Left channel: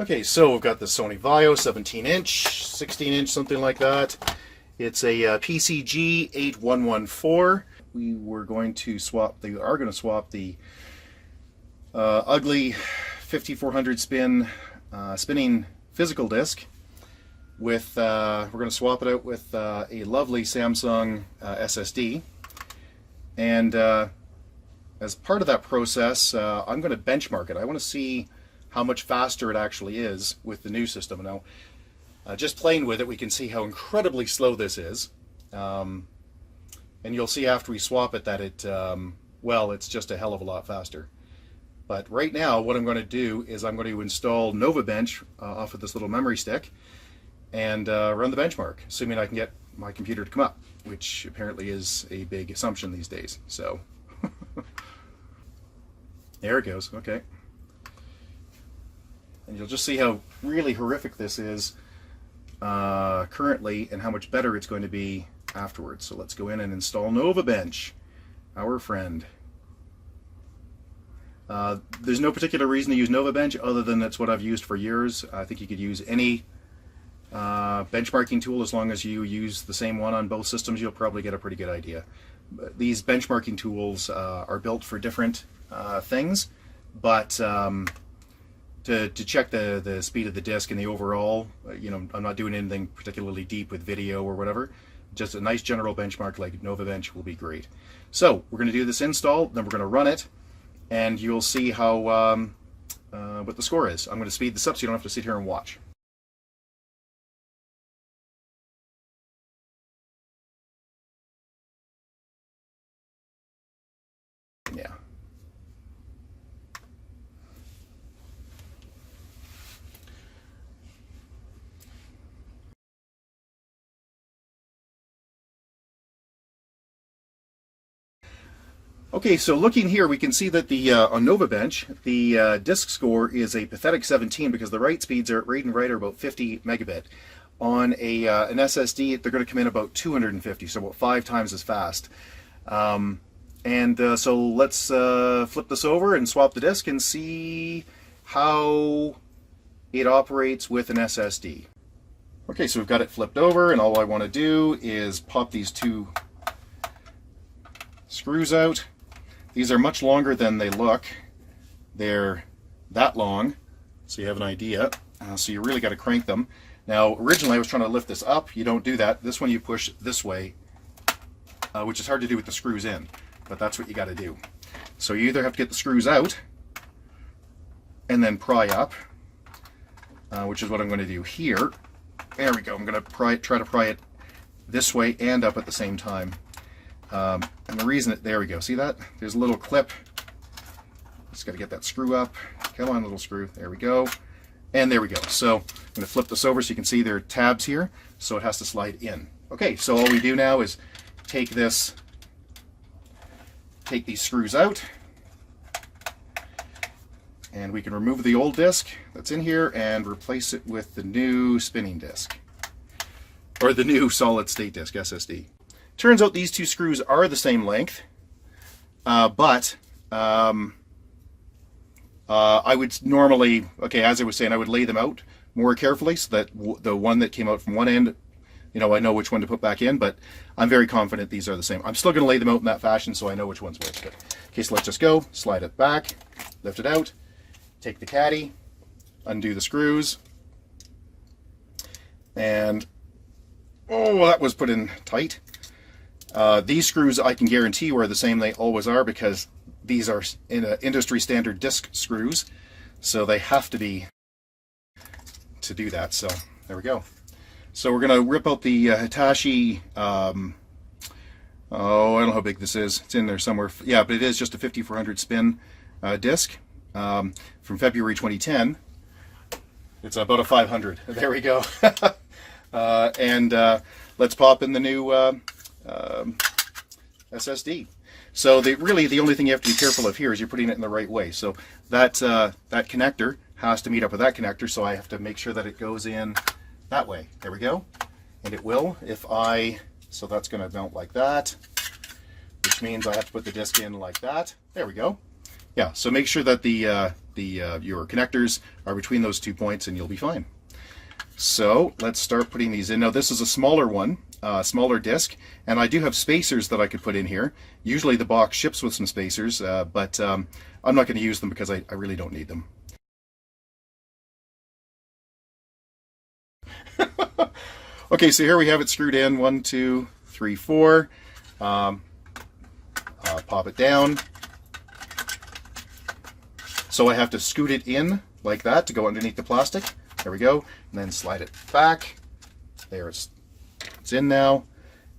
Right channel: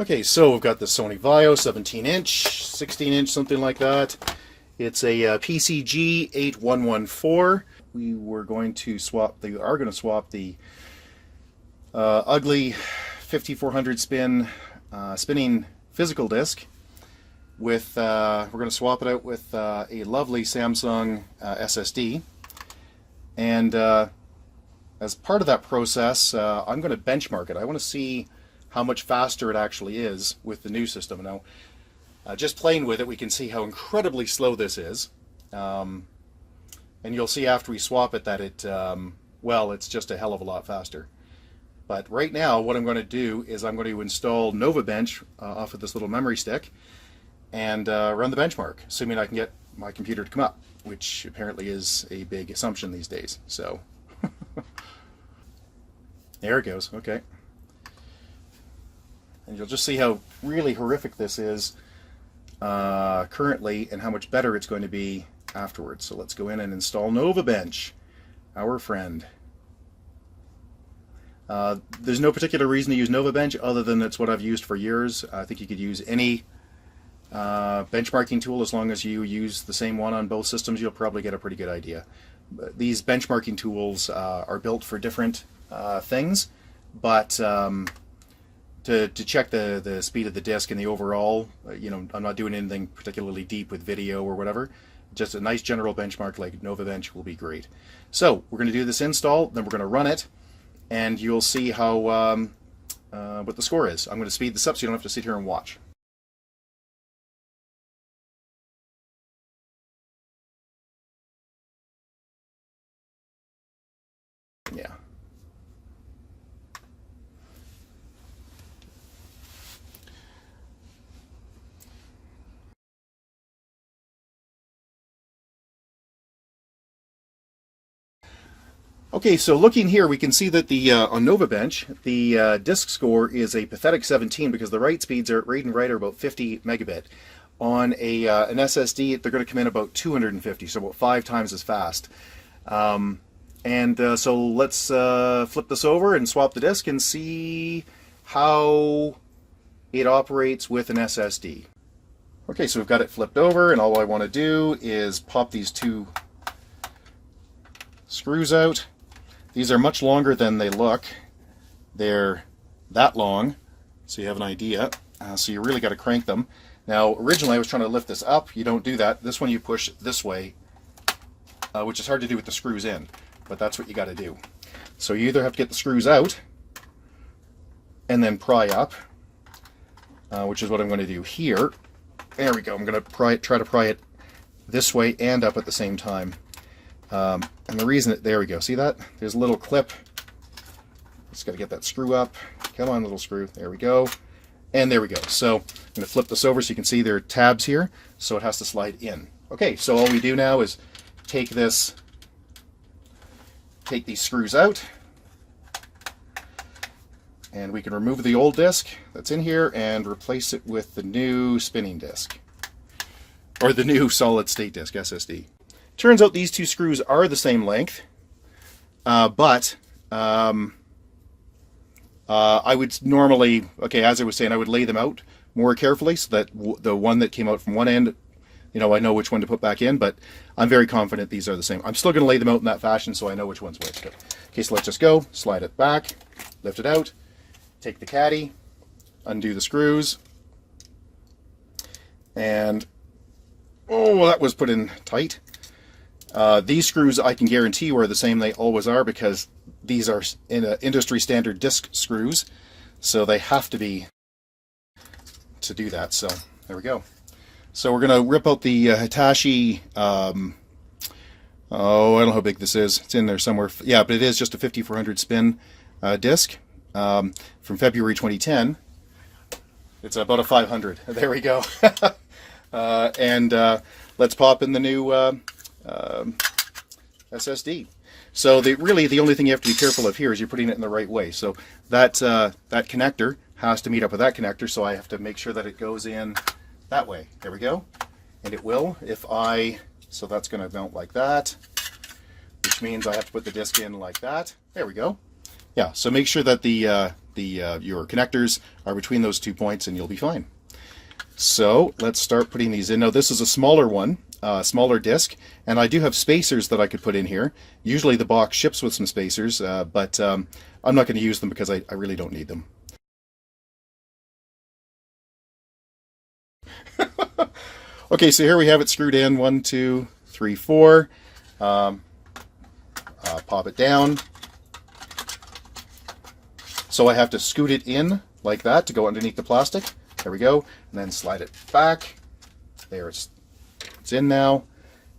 Okay, so we've got the Sony VIAO 17-inch, 16-inch, something like that. It's a PCG8114. We are going to swap the ugly 5400 spinning physical disc with we're going to swap it out with a lovely Samsung SSD. And as part of that process, I'm going to benchmark it. I want to see how much faster it actually is with the new system. Now, just playing with it, we can see how incredibly slow this is. And you'll see after we swap it that well, it's just a hell of a lot faster. But right now, what I'm going to do is I'm going to install NovaBench off of this little memory stick and run the benchmark, assuming I can get my computer to come up, which apparently is a big assumption these days. So there it goes. Okay. And you'll just see how really horrific this is currently and how much better it's going to be afterwards. So let's go in and install NovaBench, our friend. There's no particular reason to use NovaBench other than that's what I've used for years. I think you could use any benchmarking tool as long as you use the same one on both systems. You'll probably get a pretty good idea. But these benchmarking tools are built for different things, but to check the speed of the disk and the overall, I'm not doing anything particularly deep with video or whatever. Just a nice general benchmark like NovaBench will be great. So we're going to do this install, then we're going to run it, and you'll see how what the score is. I'm going to speed this up so you don't have to sit here and watch. Yeah. Okay, so looking here, we can see that the on NovaBench, the disk score is a pathetic 17 because the write speeds are read and write are about 50 megabit. On an SSD, they're going to come in about 250, so about 5 times as fast. So let's flip this over and swap the disk and see how it operates with an SSD. Okay, so we've got it flipped over, and all I want to do is pop these 2 screws out. These are much longer than they look. They're that long, so you have an idea. So you really got to crank them. Now, originally I was trying to lift this up. You don't do that. This one you push this way, which is hard to do with the screws in, but that's what you got to do. So you either have to get the screws out and then pry up, which is what I'm going to do here. There we go. I'm going to try to pry it this way and up at the same time. And the reason there we go, see that? There's a little clip. Just got to get that screw up. Come on, little screw. There we go. And there we go. So I'm going to flip this over so you can see there are tabs here, so it has to slide in. Okay, so all we do now is take these screws out, and we can remove the old disc that's in here and replace it with the new spinning disc, or the new solid state disc, SSD. Turns out these 2 screws are the same length, but I would normally, okay, as I was saying, I would lay them out more carefully so that the one that came out from one end, I know which one to put back in, but I'm very confident these are the same. I'm still going to lay them out in that fashion so I know which one's which. Okay, so let's just go, slide it back, lift it out, take the caddy, undo the screws, and, oh, that was put in tight. These screws I can guarantee you are the same. They always are because these are industry standard disc screws, so they have to be to do that. So there we go. So we're going to rip out the Hitachi, I don't know how big this is. It's in there somewhere. Yeah, but it is just a 5400 spin disc from February 2010. It's about a 500. There we go. Let's pop in the new SSD. So really the only thing you have to be careful of here is you're putting it in the right way. So that connector has to meet up with that connector, so I have to make sure that it goes in that way. There we go. And it will so that's going to mount like that, which means I have to put the disc in like that. There we go. Yeah, so make sure that the your connectors are between those 2 points, and you'll be fine. So let's start putting these in. Now this is a smaller one, smaller disc, and I do have spacers that I could put in here. Usually the box ships with some spacers, but I'm not going to use them because I really don't need them. Okay, so here we have it screwed in, 1, 2, 3, 4. Pop it down. So I have to scoot it in like that to go underneath the plastic. There we go. And then slide it back. There, it's in now.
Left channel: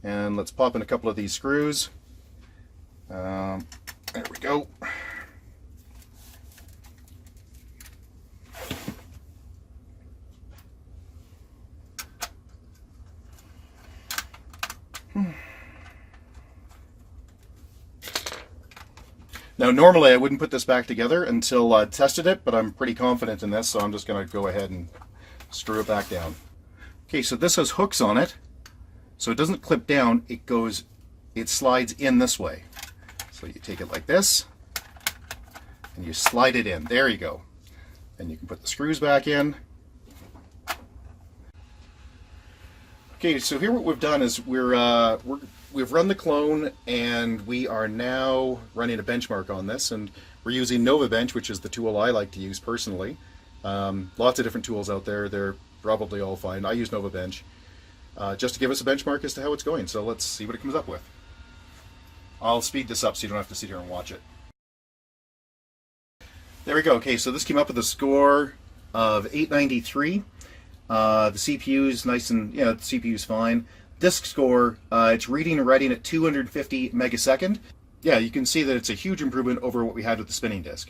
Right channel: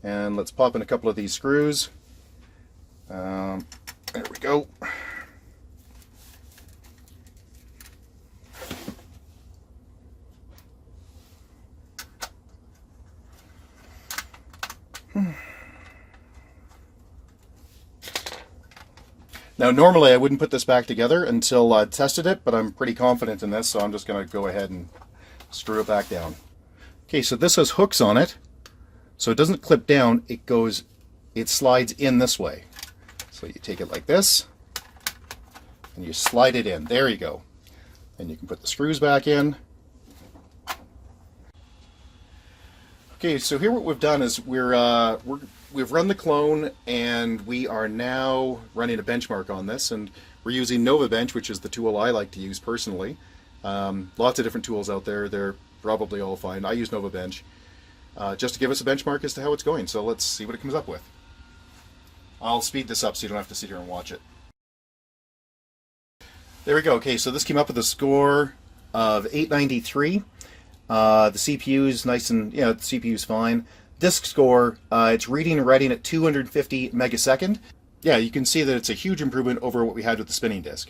And let's pop in a couple of these screws. There we go. Now normally I wouldn't put this back together until I tested it, but I'm pretty confident in this, so I'm just going to go ahead and screw it back down. Okay, so this has hooks on it, so it doesn't clip down, it slides in this way. So you take it like this, and you slide it in. There you go. And you can put the screws back in. Okay, so here what we've done is we've run the clone, and we are now running a benchmark on this, and we're using NovaBench, which is the tool I like to use personally. Lots of different tools out there. They're probably all fine. I use NovaBench just to give us a benchmark as to how it's going. So let's see what it comes up with. I'll speed this up so you don't have to sit here and watch it. There we go. Okay, so this came up with a score of 893. The CPU's nice and, the CPU's fine. Disk score, it's reading and writing at 250 megasecond. Yeah, you can see that it's a huge improvement over what we had with the spinning disk.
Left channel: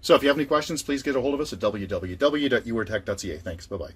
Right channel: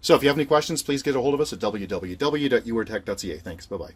So if you have any questions, please get a hold of us at www.uartech.ca. Thanks. Bye-bye.